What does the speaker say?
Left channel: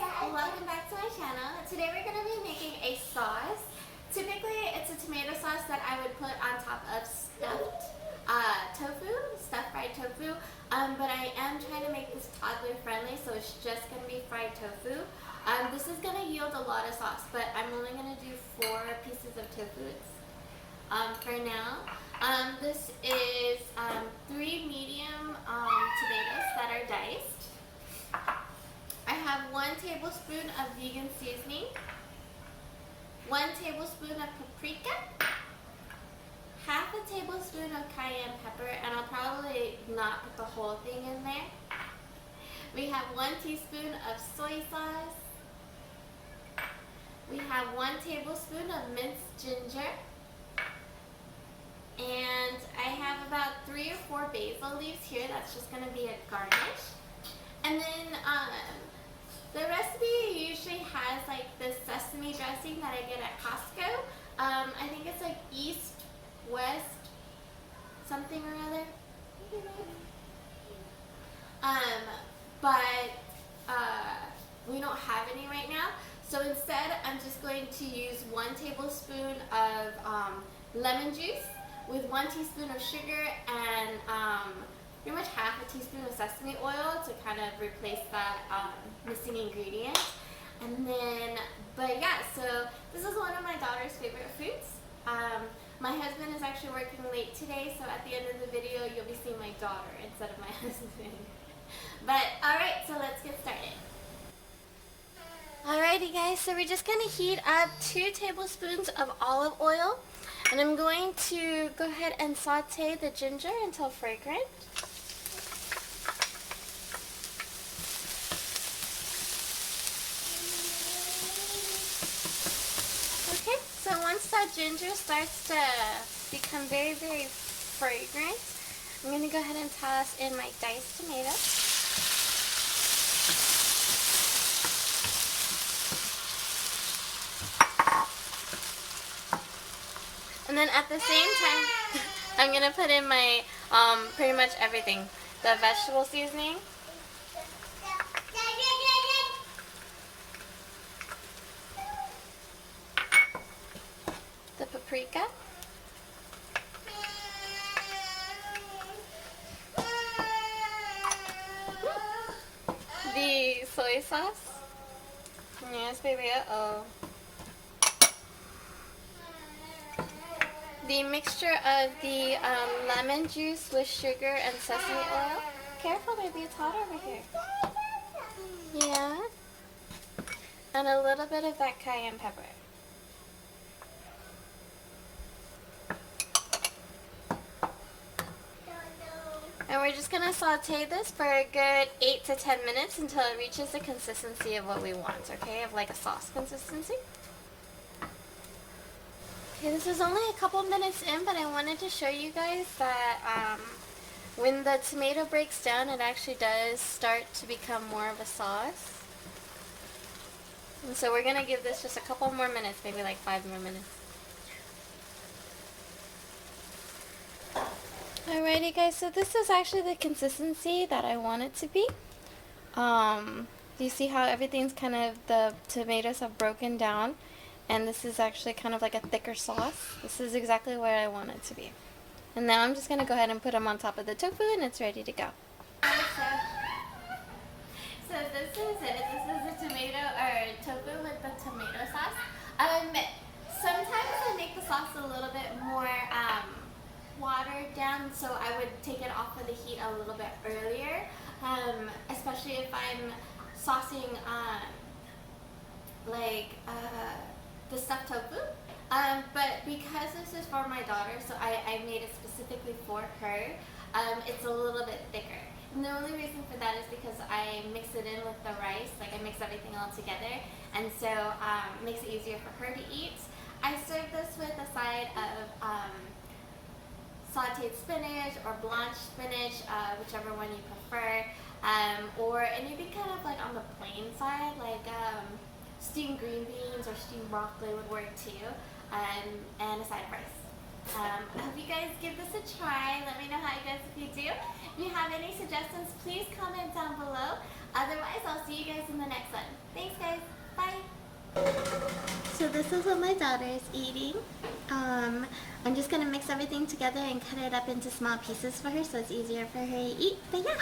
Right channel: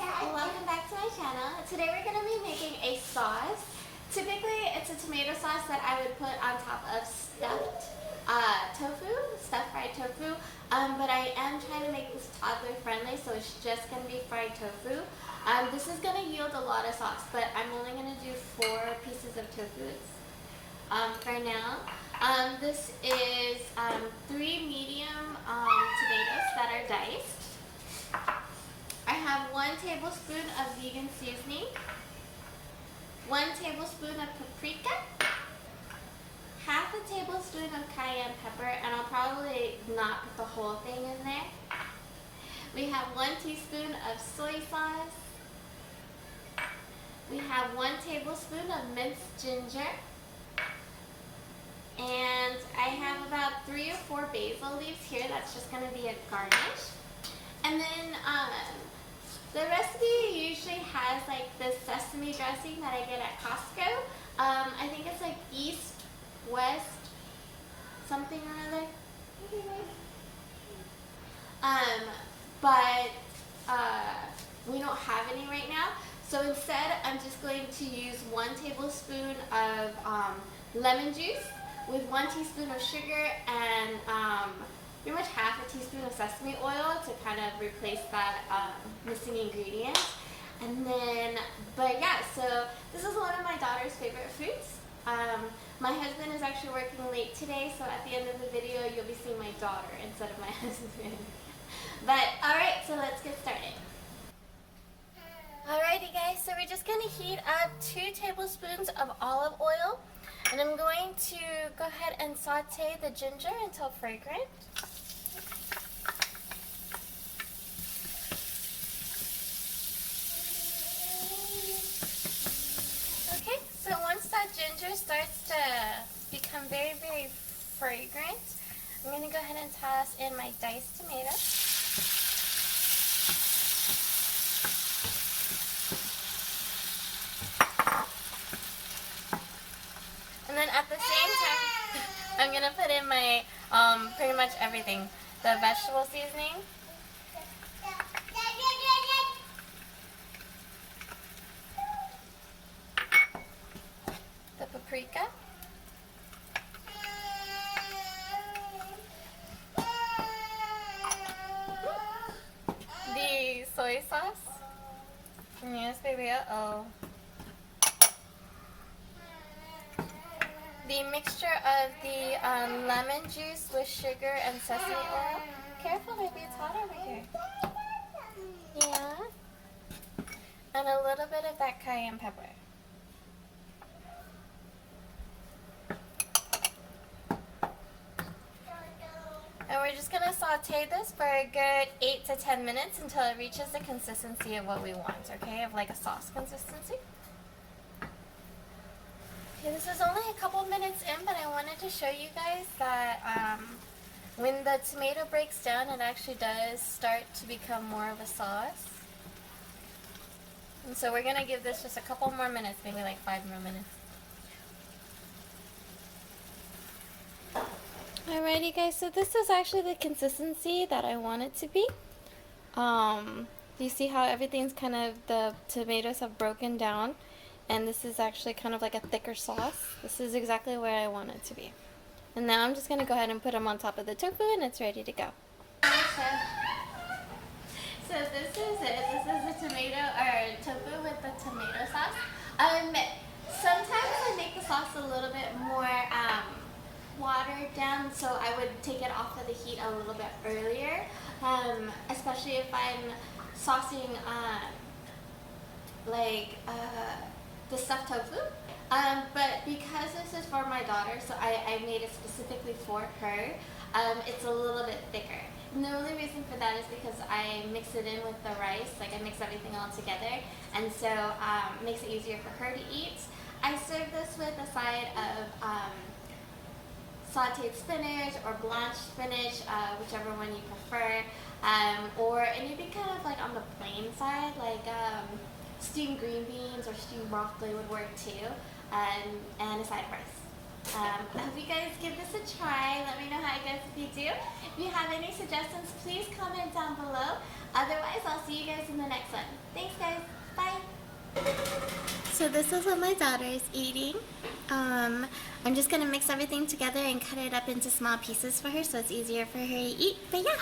welcome back to my channel. Today we're going to be making a sauce. Typically it's a tomato sauce that I would put on top of stuffed fried tofu, but I am trying to make this toddler friendly, so it's just going to be fried tofu. This is going to yield a lot of sauce, but I'm only going to do 4 pieces of tofu for now. This is 3 medium tomatoes that are diced. I have 1 tablespoon of vegan seasoning, 1 tablespoon of paprika, half a tablespoon of cayenne pepper, and I'll probably not put the whole thing in there. We have 1 teaspoon of soy sauce. We have 1 tablespoon of minced ginger. And I have about 3 or 4 basil leaves here. That's just going to be a garnish. And then the recipe usually has like this sesame dressing that I get at Costco. I think it's like East, West, something or other. But we don't have any right now. So instead, I'm just going to use 1 tablespoon of lemon juice with 1 teaspoon of sugar and pretty much half a teaspoon of sesame oil to kind of replace that missing ingredient. And then, but yeah, so this is one of my daughter's favorite foods. My husband is actually working late today, so at the end of the video, you'll be seeing my daughter instead of my husband. But alright, so let's get started. Alrighty guys, so we're just going to heat up 2 tablespoons of olive oil. And I'm going to go ahead and saute the ginger until fragrant. Okay, so once that ginger starts to become very, very fragrant, I'm going to go ahead and toss in my diced tomatoes. And then at the same time, I'm going to put in my, pretty much everything. The vegetable seasoning. The paprika. The soy sauce. Yes, baby, uh-oh. The mixture of the lemon juice with sugar and sesame oil. Careful, baby, it's hot over here. Yeah. And a little bit of that cayenne pepper. And we're just going to saute this for a good 8 to 10 minutes until it reaches the consistency of what we want, okay? Of like a sauce consistency. Okay, this is only a couple minutes in, but I wanted to show you guys that when the tomato breaks down, it actually does start to become more of a sauce. And so we're going to give this just a couple more minutes, maybe like 5 more minutes. Alrighty guys, so this is actually the consistency that I want it to be. You see how everything's kind of, the tomatoes have broken down. And this is actually kind of like a thicker sauce. This is exactly where I want it to be. And now I'm just going to go ahead and put them on top of the tofu and it's ready to go. So this is it. This is the tomato or tofu with the tomato sauce. Sometimes I make the sauce a little bit more watered down, so I would take it off of the heat a little bit earlier, especially if I'm saucing the stuffed tofu, but because this is for my daughter, so I made it specifically for her, it's a little bit thicker. And the only reason for that is because I mix it in with the rice, like I mix everything all together, and so it makes it easier for her to eat. I serve this with a side of sauteed spinach or blanched spinach, whichever one you prefer, or and you can kind of like on the plain side, like steamed green beans or steamed broccoli would work too, and a side of rice. I hope you guys give this a try. Let me know how it goes if you do. If you have any suggestions, please comment down below. Otherwise, I'll see you guys in the next one. Thanks, guys. Bye. So this is what my daughter is eating. I'm just going to mix everything together and cut it up into small pieces for her so it's easier for her to eat. But yeah.